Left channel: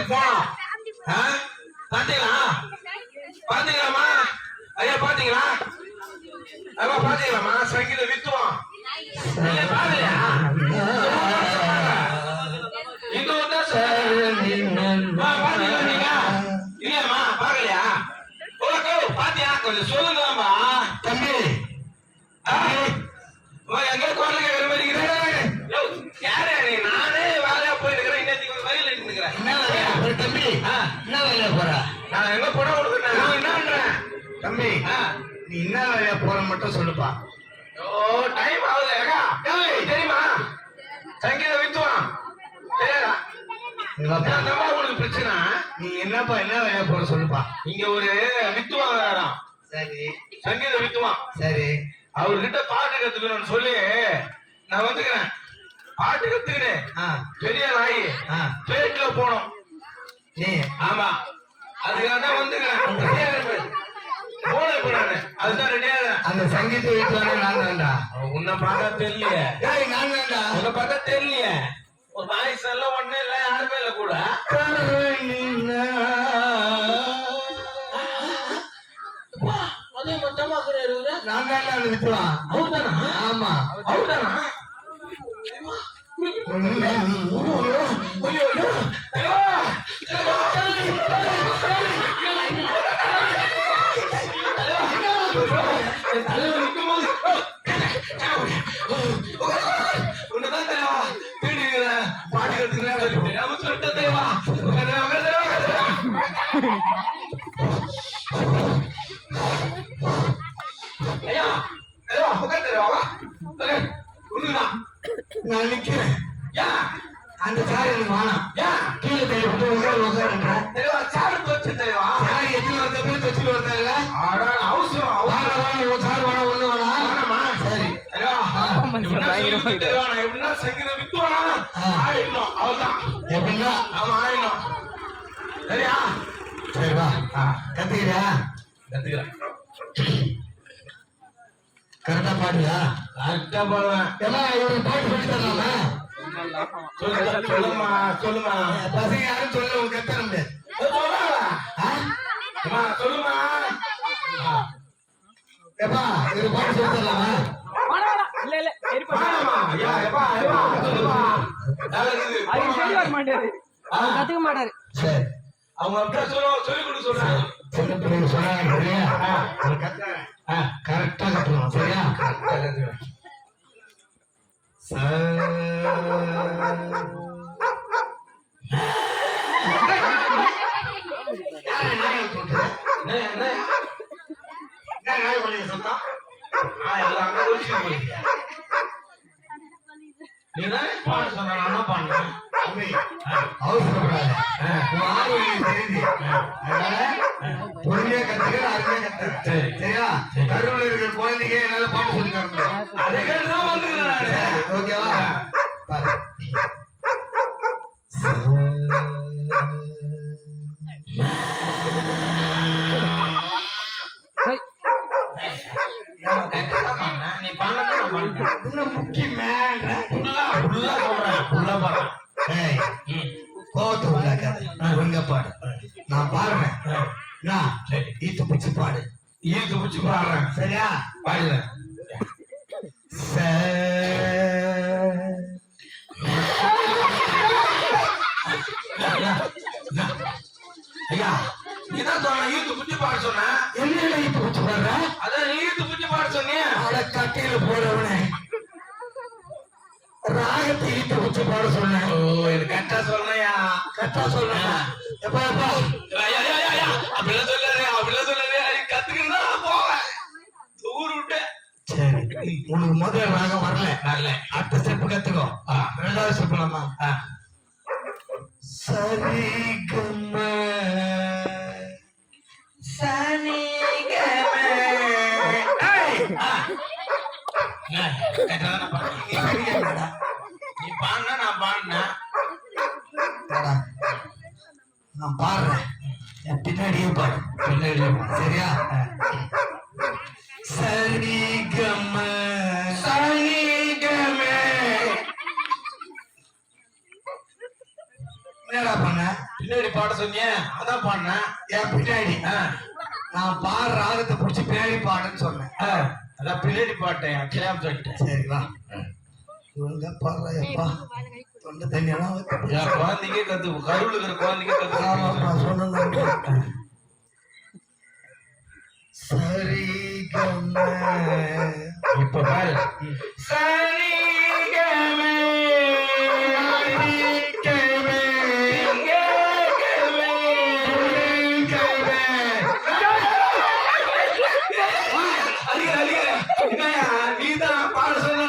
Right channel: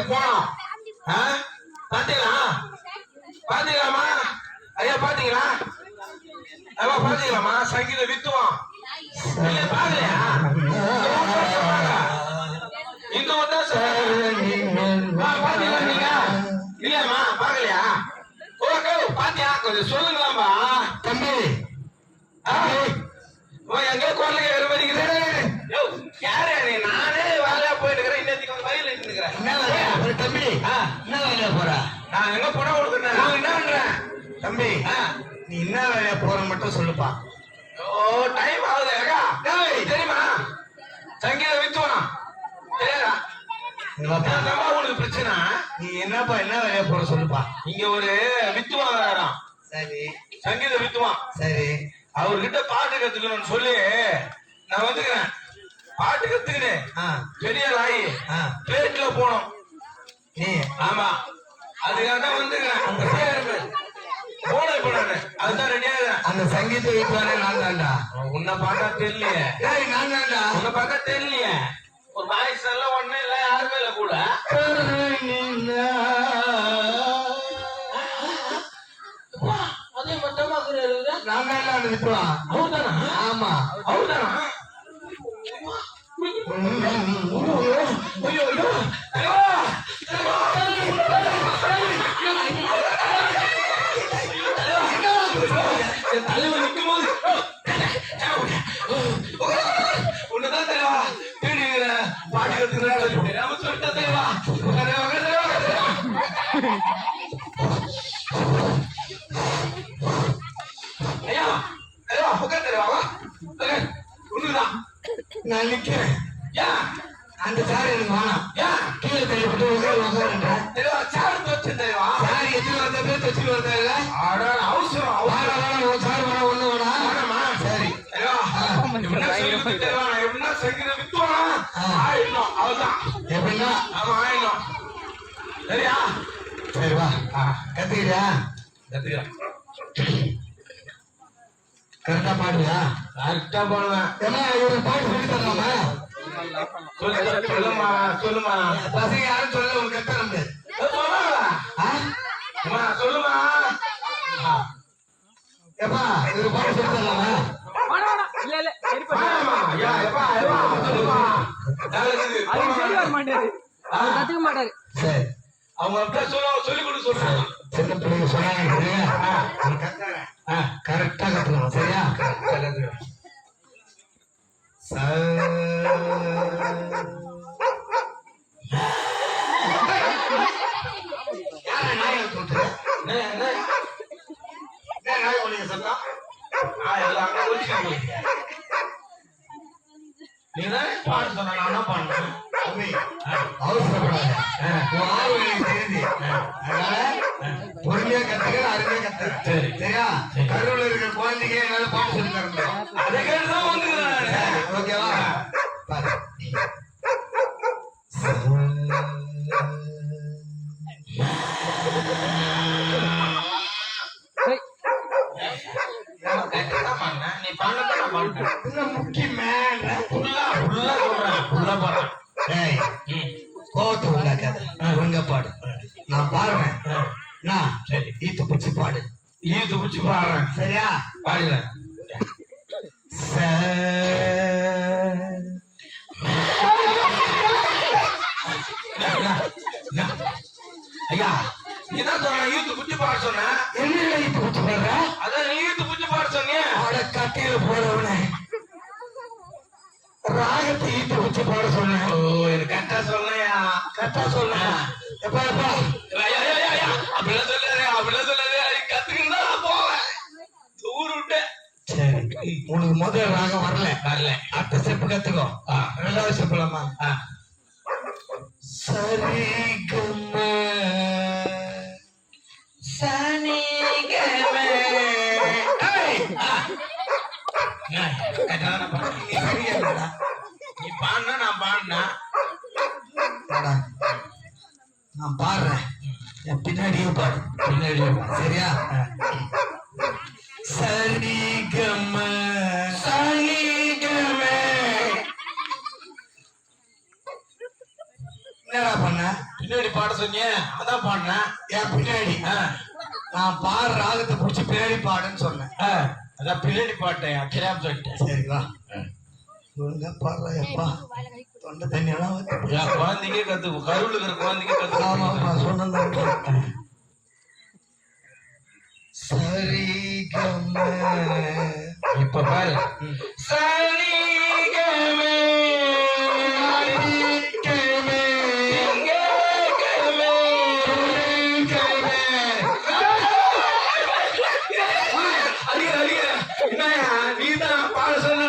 வீட்டுக்கு போனோம். பாத்தீங்களா? பாத்தீங்களாமா? ஐயா பாத்தீங்களா? ஐயா பாத்தீங்களாமா? சங்கீத வித்துவோம். பாக்கலையா? இங்க வந்து பாத்தீங்களா நீங்க? இல்லையாமா பாக்கலையா? ஓகே பாத்தியா? கொஞ்சம் சொல்லுங்களாமா தம்பி. எங்க குரல் கேட்கிற மாதிரி யாரு? நானே வேலையா போயிட்டு இருக்கிறேன். இன்னைக்கு ஒரு வயல் இருந்துக்கிறேன். என்ன தம்பி? என்ன வேலையா போற? நான் எங்க பணம் கொடுக்குறேன். என்ன பண்றேன் தம்பி? நீ என்ன வேலையா போறன்னு மட்டும் சொல்லுப்பா. ஓ டைம் ஆகுது. தெரியுமா? சங்கீத வித்துவான் தெரியாதா? உங்களுக்கு பிரச்சனை. நீ என்னப்பா என்ன வேலையா போற சொல்லுப்பா. இங்க ஒரு வித்துவான் வேறாம். சரி சங்கீத வித்துவான். சரி அவர்கிட்ட பாட்டு கத்துக்கணும்னு சொல்லி நான் வந்துக்கிறேன். பாட்டு கத்துக்கினேன். பெரிய நாய் பேட்ல போனோம். நீ ஆமா அதுக்காக தான் வந்துக்கிறேன். அதுதான் ரெடியா. அந்த சங்கீத வித்துவானே நான் தான்டா. உன்னை பார்த்தா தெரியலையே. நான் தான்டா. உன்னை பார்த்தா தெரியலையே. ஒரு வாய்ஸ் எல்லாம் ஒண்ணு இல்ல யாருமே இல்ல கூட. அதே மட்டும் நான் தான்டா அந்த வித்துவான். அவர் தானா? ஆமா அவர் தானா? தலைவர் நிற்கும் போது உன்னதான் தலைவா பாட்டு கத்துக்கிறாங்க சொல்லிட்டு தலைவா. ஐயா தலைவா உட்கார் தலைவா. ஒண்ணுதான் நான் நிக்கிறேன். அந்த சார் எனக்கு வேணாம். கீழே தள்ளி உட்காருங்க தலைவா. சாரு வச்சு தலைவா. சார் எத்தனை வந்த பேர் வச்சுட்டு வந்தாங்க. அவசரம் சார் வேணா ஒண்ணு வேணா. சரி தலைவா நான் எப்படின்னா சங்கீத வித்துவானா ஆயிடணும். அவதான் எப்படின்னா அவன் ஆயிடணும். சரியா? சரிவா கத்துக்கிறியா? கத்துக்கிறேன். கரெக்டா பாடுவியா? கரெக்டா பாடுவேன். ஏன்னா இவரு பாட்டு சொல்லி தரலாமா? சொல்லுமா சொல்லுமா. பசங்க யாரும் சொல்ல உங்க கத்த முடியாது. சொல்லுமா எப்பா இவரு பாட்டு சொல்லி தரலாமா? அவங்க அப்படியே சொல்லி கொடுக்க சொல்றாங்க. சின்ன பிள்ளைங்க சொன்னாங்க கரெக்டா கத்துக்கணும். சரியா? பொறுமையா கத்துக்க அருமையா கத்து. சரியா? கருவில் இருக்கிற குழந்தைங்க என்னால பாட்டு சொல்லி தரணும். அதே கேட்டுதான் வந்துக்கிறேன். ஓகேவா? நான் பாடுறேன். நான் ஈத்து பிடிச்சு பாடு. ஈத்து பிடிச்சு பாடுறேன். சரியா? பாடுறேன். ஐயா இதான் சொன்ன ஈத்து பிடிச்சு பாட சொன்ன. என்ன ஈத்து பிடிச்சு பாடுற? அதான் ஈத்து பிடிச்சு பாட சொன்னியா? கட்டியில போறவனே ராகத்தை ஈட்டு வச்சு பாட சொன்னேன். ஓ இது கரெக்டா சொன்னையா? கரெக்டா சொன்னேன். எப்பா எப்பா அப்படிலாம் சொல்லாதே அப்படிலாம் சொல்லாதே. கத்துக்கிட்டு தான் போவேன். ஊர் விட்டேன். சரி உனக்கு முதல் ராகம் வரல. அடுத்த ஸ்டெப் கத்துக்கோ. ரெண்டாவது ஸ்டெப்லாமா? சரி கம்ம சனி கம. நீ பாடுனா நான் பாடுனேன். நான் பாடுறேன். என் பின்னாடியே பாடு. பின்னாடியே பாடு. சரியா? சரிகம சரிகம. என்னடா பண்ண? பின்னாடி பாட சொன்னிய அதான் பாடினேன். என் பின்னாடி நான் பாடுற ராகத்தை பிடிச்சி பின்னாடி பாடுன்னு சொன்னேன். அதான் பின்னாடி பாட்டேன் தெரியாம சொல்லிட்டேன். சரிங்களா? ஒழுங்கா பாடுறா எப்பா. தொண்டை தண்ணி எல்லாம் என் குழந்தைங்க கத்து கருவில் இருக்கிற குழந்தைங்க கத்து. ஆமாப்பா சொன்னேன். சரி கம்ம இப்ப பாரு சரி கமே நீதான் பாட சொன்ன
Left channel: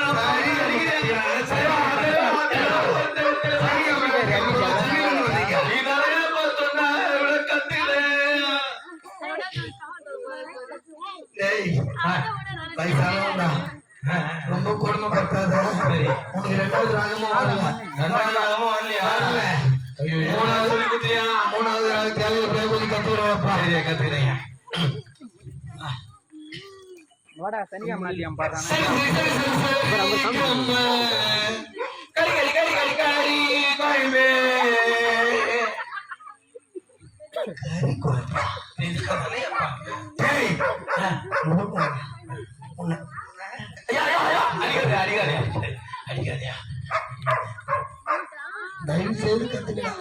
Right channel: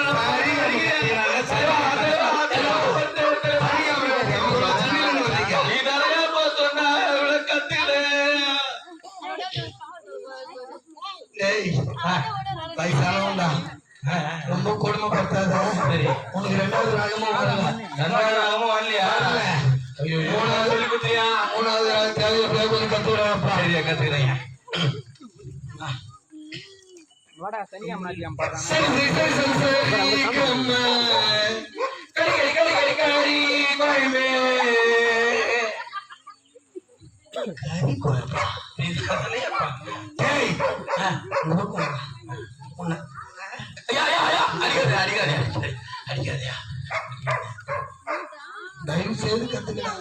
ரொம்ப கொடுமைப்படுத்தாத. உனக்கு ரெண்டாவது ராகமும் இல்லையா? மூணாவது ராகத்தை கத்துக்கிறப்பா. கத்துக்கிறேன். சரி கடி கடி கடி கடி கடி கோயம்பே கறி குழம்பா. தயவு செய்து கத்துக்கலாம்.